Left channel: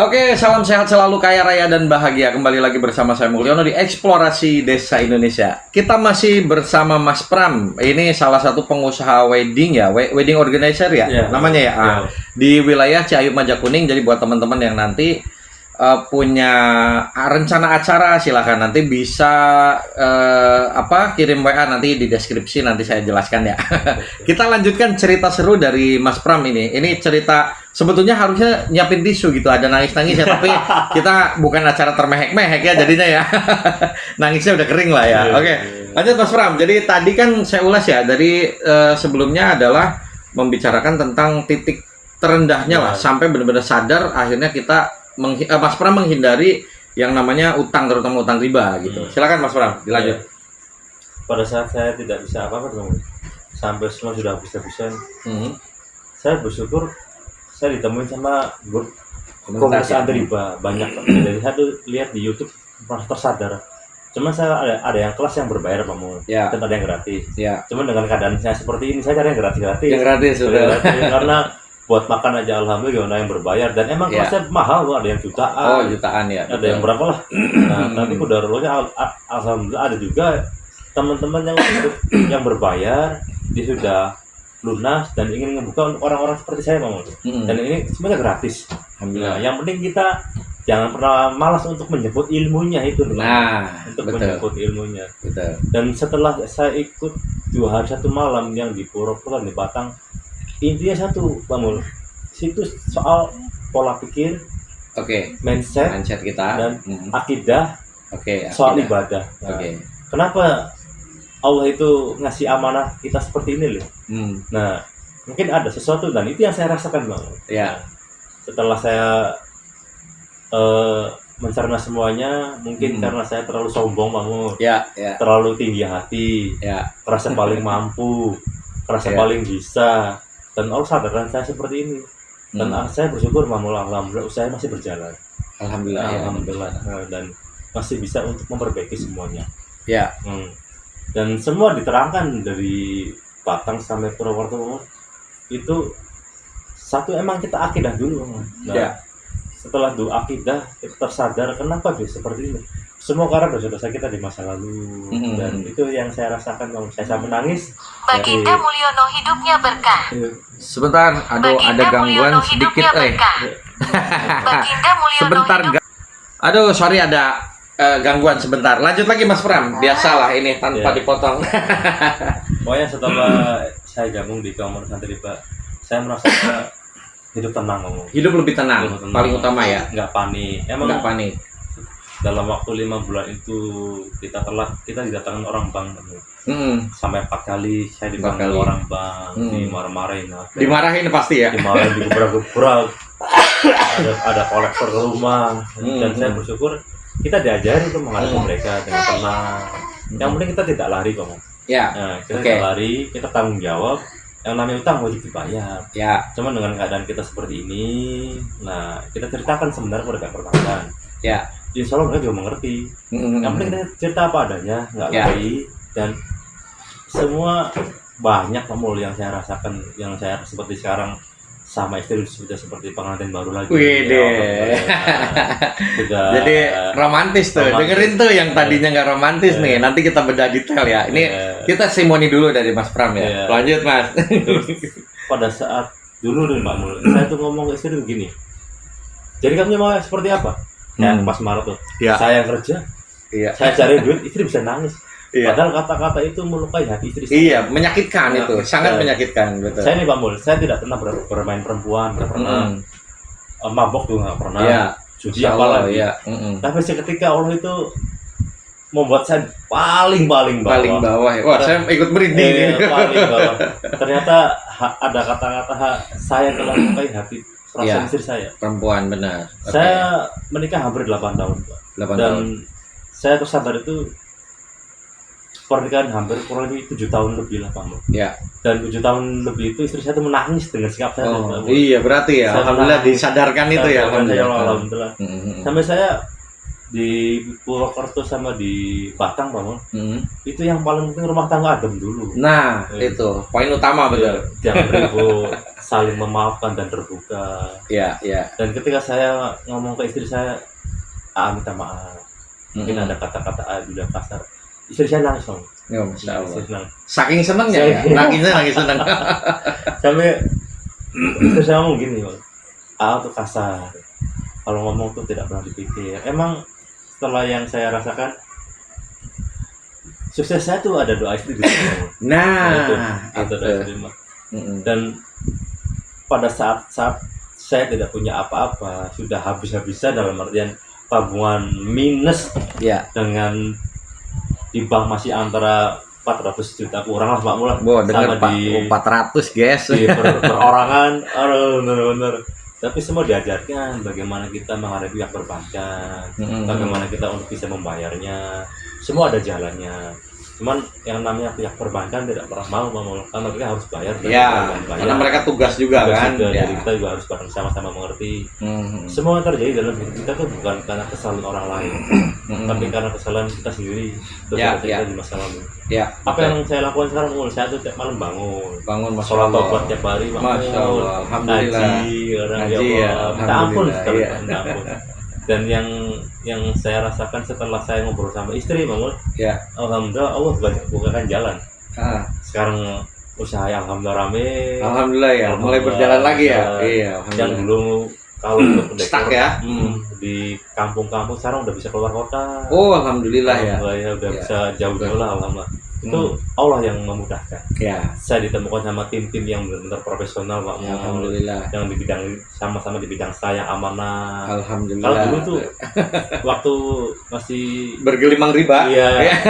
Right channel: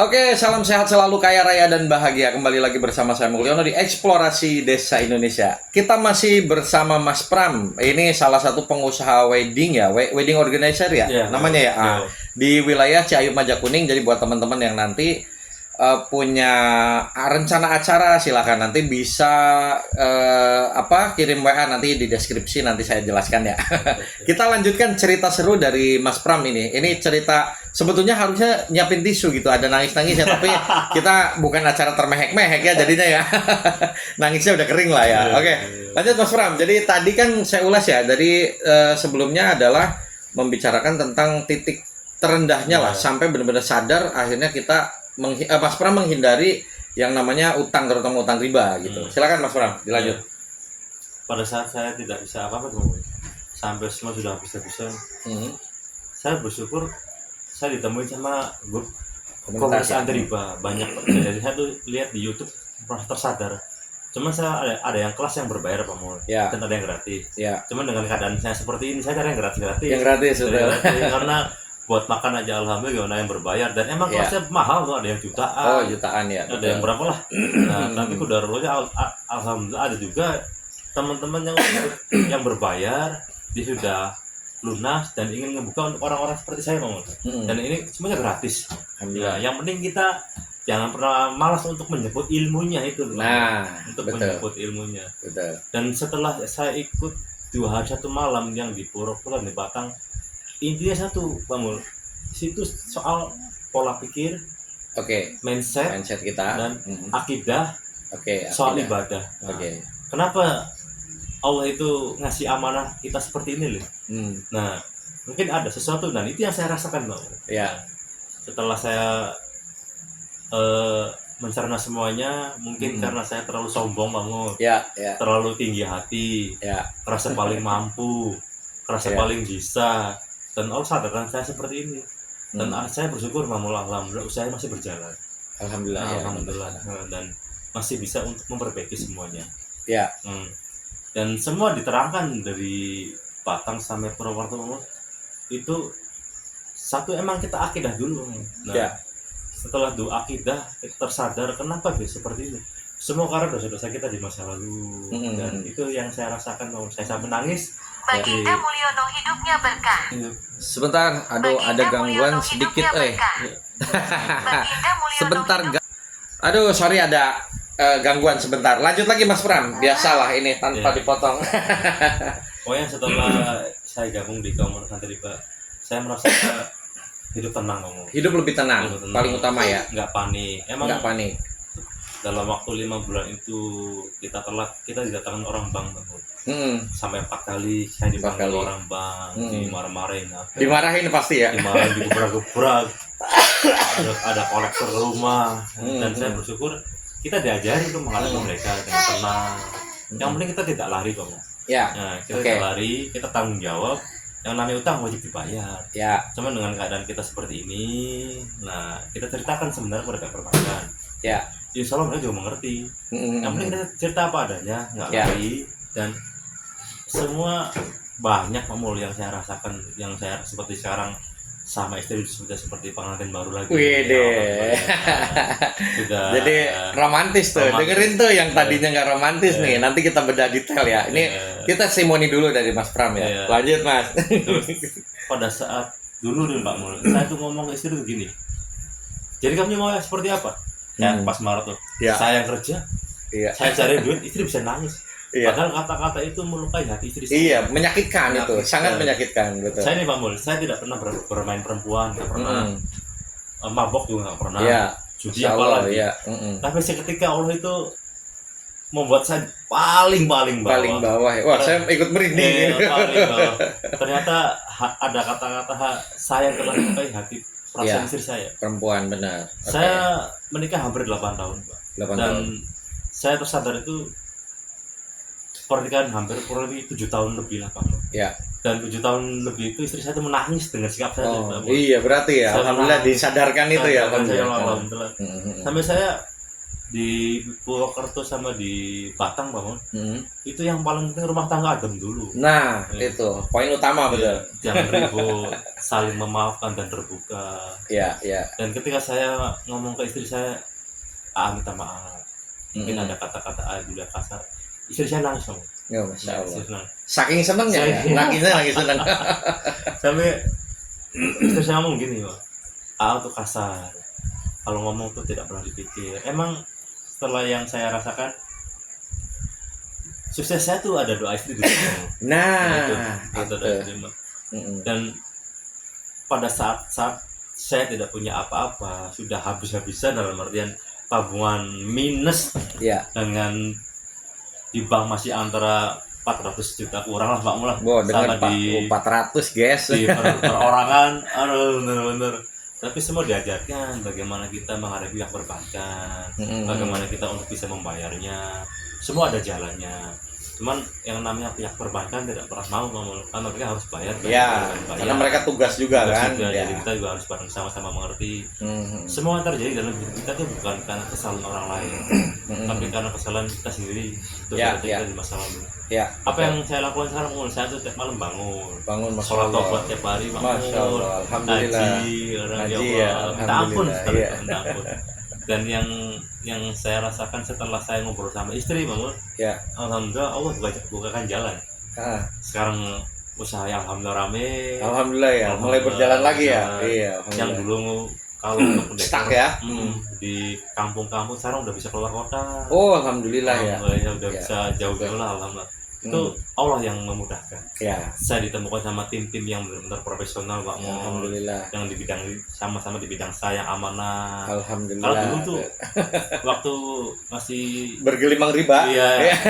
Oke, salam sehat selalu, kaya raya dan bahagia. Kembali lagi bersama saya Mulyono di Eksplorasi Desa Indonesia. Kita masih bersama Mas Pram. Ini salah satu pengusaha wedding ya, wedding organizer ya, namanya ya. Di wilayah Ciayu Majakuning. Jadi buat teman-teman yang nanti punya rencana acara, silahkan nanti bisa kirim WA nanti di deskripsi, nanti saya jelaskan ya. Kita lanjutkan cerita seru dari Mas Pram ini. Ini cerita sebetulnya harusnya nyiapin tisu gitu, ada nangis-nangis ya, tapi kita bukan acara termehek-mehek ya jadinya ya. Nangisnya udah kering lah ya. Oke, lanjut Mas Pram. Jadi tadi kan saya ulas ya, dari sebelumnya adalah membicarakan tentang titik terendahnya lah, sampai benar-benar sadar akhirnya kita Mas Pram menghindari yang namanya utang, terutama utang riba gitu. Silakan Mas Pram, dilanjut. Pada saat saya tidak bisa apa-apa, sampai semua sudah habis-habisan, saya bersyukur saya ditemuin sama komunitas anti riba banyak. Jadi saya tuh lihat di YouTube merasa tersadar. Cuman saya ada yang kelas yang berbayar Pak Mul, dan ada yang gratis. Cuman dengan keadaan saya seperti ini, saya cari yang gratis. Yang gratis sudah. Karena buat makan aja alhamdulillah, gimana yang berbayar, dan emang kelasnya mahal tuh, ada yang jutaan. Oh, jutaan ya. Ada yang berapa lah. Nah, tapi kudarullah alhamdulillah ada juga teman-teman yang berbayar, dia sudah lunas dan ingin ngebuka untuk orang-orang seperti saya Bang. Dan ini semuanya gratis. Alhamdulillah. Yang penting kita jangan pernah malas untuk menjemput ilmunya itu. Menjemput ilmunya. Betul. Dan setelah saya ikut 2 hari 1 malam yang di Purwokerto di Batang, intinya satu Bang Mul, situ soal pola pikir, mindset kita, dan akidah, soal ibadah. Nah, kenapa Allah itu ngasih amanah kita seperti ini loh? Nah, mungkin ada sesuatu, dan itu yang saya rasakan Bang. Setelah saya mencerna semuanya, mungkin karena saya terlalu sombong Bang Mul, terlalu tinggi hati, merasa paling mampu, merasa paling bisa. Dan Allah sadarkan saya seperti ini, dan saya bersyukur alhamdulillah saya masih berjalan, alhamdulillah, dan masih bisa untuk memperbaiki semuanya. Dan semua diterangkan dari Batang sampai Purwokerto itu satu, emang kita akidah dulu. Setelah doa akidah, kita tersadar kenapa bisa seperti ini. Semua karena dosa-dosa kita di masa lalu, dan itu yang saya rasakan Bang. Saya sampai nangis. Baginda Mulyono hidupnya berkah. Sebentar, aduh, ada gangguan sedikit sebentar. Aduh, sorry, ada gangguan sebentar. Lanjut lagi Mas Pram. Biasalah ini tanpa dipotong. Pokoknya setelah saya gabung di komunitas anti riba, saya merasa hidup tenang Bang. Hidup lebih tenang. Paling utama ya. Nggak panik. Emang nggak panik. Dalam waktu 5 bulan itu kita didatangkan orang bank sampai 4 kali saya dipanggil orang bank, dimarah-marahin. Dimarahin pasti ya. Dimarahin, digebrak-gebrak. ada kolektor ke rumah, dan saya bersyukur kita diajari untuk menghadapi mereka dengan tenang. Yang penting kita tidak lari Bang. Kita tidak lari, kita tanggung jawab. Yang namanya utang wajib dibayar. Cuman dengan keadaan kita seperti ini, nah kita ceritakan sebenarnya kepada perbankan. Insya Allah mereka juga mengerti. Yang penting kita cerita apa adanya, nggak lari. Dan semua banyak Mul yang saya rasakan, yang saya seperti sekarang sama istri sudah seperti pengantin baru lagi. Sudah. Jadi romantis tuh. Dengerin tuh yang tadinya nggak romantis nih. Nanti kita bedah detail ya. Ini kita simoni dulu dari Mas Pram ya. Lanjut Mas. Terus pada saat dulu Mbak Mul, saya tuh ngomong ke istri tuh gini. Jadi kamu mau seperti apa? Pas Maret tuh, saya kerja, saya cari duit, istri bisa nangis. Padahal kata-kata itu melukai hati istri saya. Menyakitkan itu, sangat menyakitkan, betul. Saya nih Bang Mul, saya tidak pernah bermain perempuan, nggak pernah mabok juga nggak pernah, judi apalagi. Tapi seketika Allah itu membuat saya paling bawah. Wah, saya ikut merinding. Paling bawah. Ternyata ada kata-kata saya telah melukai hati perasaan istri saya. Perempuan, benar. Saya menikah hampir 8 tahun Pak. Dan saya tersadar itu pernikahan hampir kurang lebih 7 tahun lebih lah Pak. Dan 7 tahun lebih itu istri saya tuh menangis dengan sikap saya. Iya, berarti ya alhamdulillah disadarkan itu ya. Alhamdulillah. Sampai saya di Purwokerto sama di Batang Pak Mun, itu yang paling penting rumah tangga adem dulu. Nah itu poin utama betul. Jangan ribut, saling memaafkan dan terbuka. Iya. Dan ketika saya ngomong ke istri saya, minta maaf, mungkin ada kata-kata udah kasar, istri saya langsung. Ya, Masya Allah. Saking senangnya ya, nangis senang. Sampai istri saya ngomong gini, tuh kasar. Kalau ngomong tuh tidak pernah dipikir. Emang setelah yang saya rasakan, sukses saya tuh ada doa istri di sana. Itu doa istri. Dan pada saat saya tidak punya apa-apa, sudah habis-habisan dalam artian tabungan minus, dengan di bank masih antara 400 juta kurang lah Pak Mula. Sama di 400 guys. Di perorangan, bener. Tapi semua diajarkan bagaimana kita menghadapi pihak perbankan, bagaimana kita untuk bisa membayarnya, semua ada jalannya. Cuman yang namanya pihak perbankan tidak pernah mau karena mereka harus bayar. Karena mereka tugas juga kan. Jadi kita juga harus bareng sama-sama mengerti. Semua yang terjadi dalam hidup kita tuh bukan karena kesalahan orang lain, tapi karena kesalahan kita sendiri, kita di masa lalu. Apa yang saya lakukan sekarang, saya tuh tiap malam bangun sholat tobat tiap hari, bangun ngaji, minta ampun. Dan yang saya rasakan setelah saya ngobrol sama istri, alhamdulillah Allah bukakan jalan. Sekarang usaha yang alhamdulillah rame. Alhamdulillah ya, mulai berjalan lagi ya. Yang dulu kalau untuk dekor di kampung-kampung sekarang udah bisa keluar kota. Alhamdulillah ya. Udah bisa jauh-jauh lah, alhamdulillah. Itu Allah yang memudahkan. Saya ditemukan sama tim-tim yang benar-benar profesional Pak. Alhamdulillah. Yang di bidang sama-sama di bidang saya yang amanah. Alhamdulillah. Kalau dulu tuh waktu masih bergelimang riba.